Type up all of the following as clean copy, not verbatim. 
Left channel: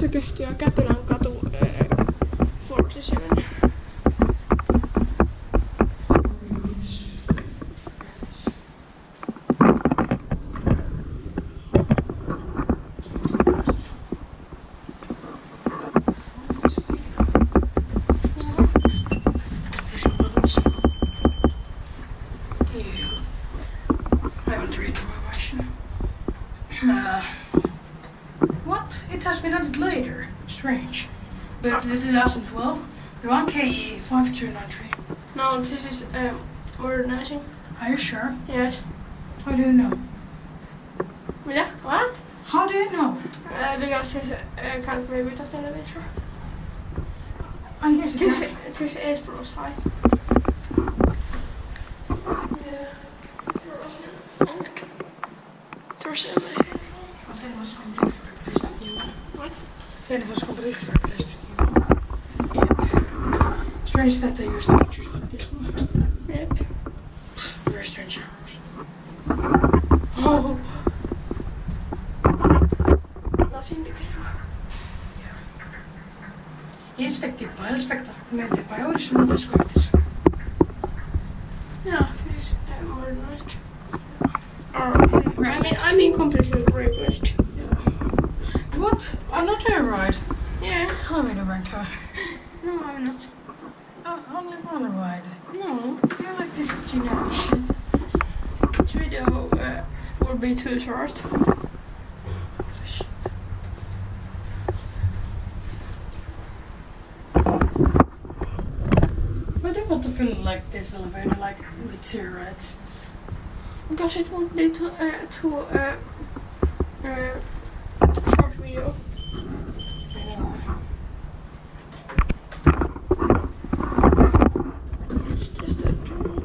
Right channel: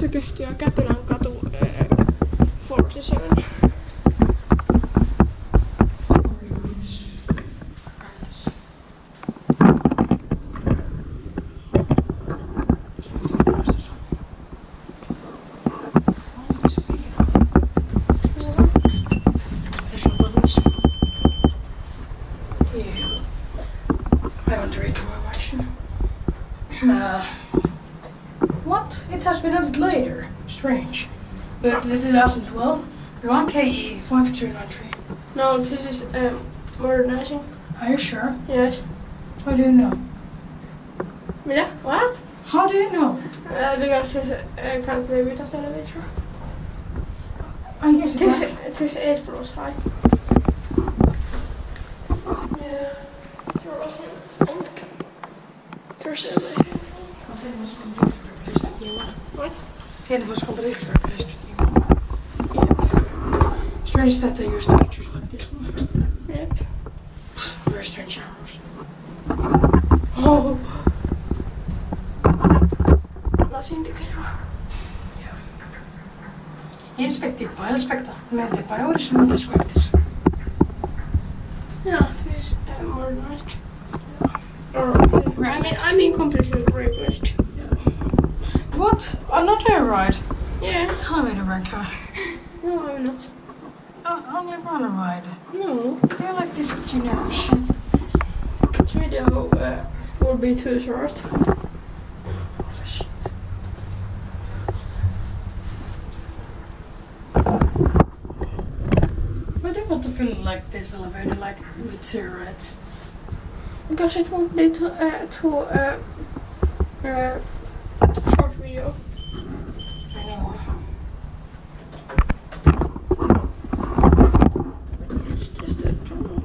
Se kehtiä Käpylänkatu 47. I want to read the information. What? It has been added later. Strange. But the 2012, the 1KE 5293. No, this is modernizing. Are you sure? Yes. How do you know? Mitä? What? How do you know? Because this can't play without elevator. I guess This is floors high. There was an onk. There's a machine. Well, that was completely replaced with new one. What? Yeah, it was completely replaced with new one. Yep. Strange that they used pictures like this one. Yep. Very strange arrows. Oh. That's indicator. Inspected by Elspecta, invented by Otis Modernization. Yeah, this is modernized. Or, I mean completely replaced. What? Another ride? Yeah. I'm in a ranker. No, I'm not. Only one ride. No. I like this generic shit. This video will be too short. Holy shit. Why do you want to film like this elevator, like with cigarettes? Because it won't be too short video. I know. It's just a joke.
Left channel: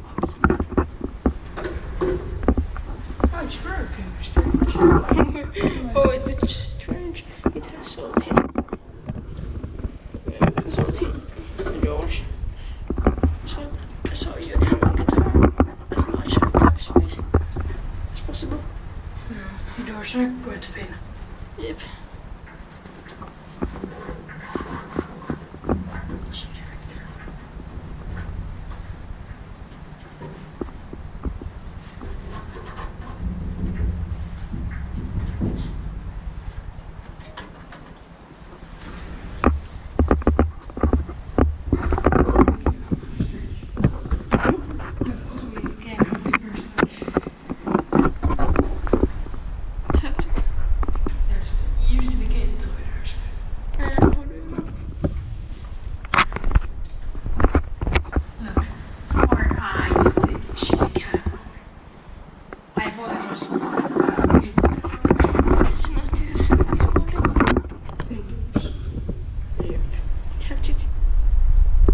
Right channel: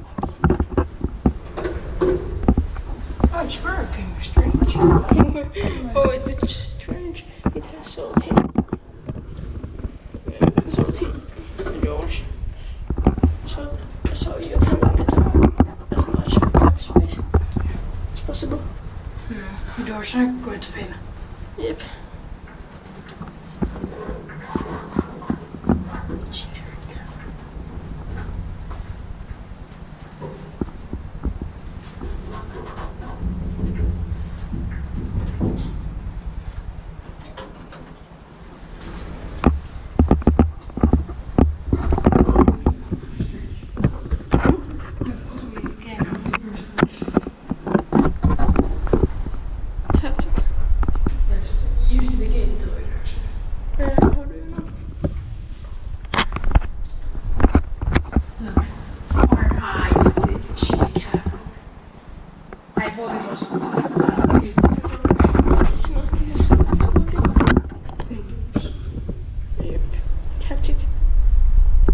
Oh, it's broken. Strange. Oh, it's strange. It has salty doors. So you can get as much cap space as possible. The doors are quite thin. Yep. How do you know? Look. Or it's the shitty cab. I thought it was. It's not. This is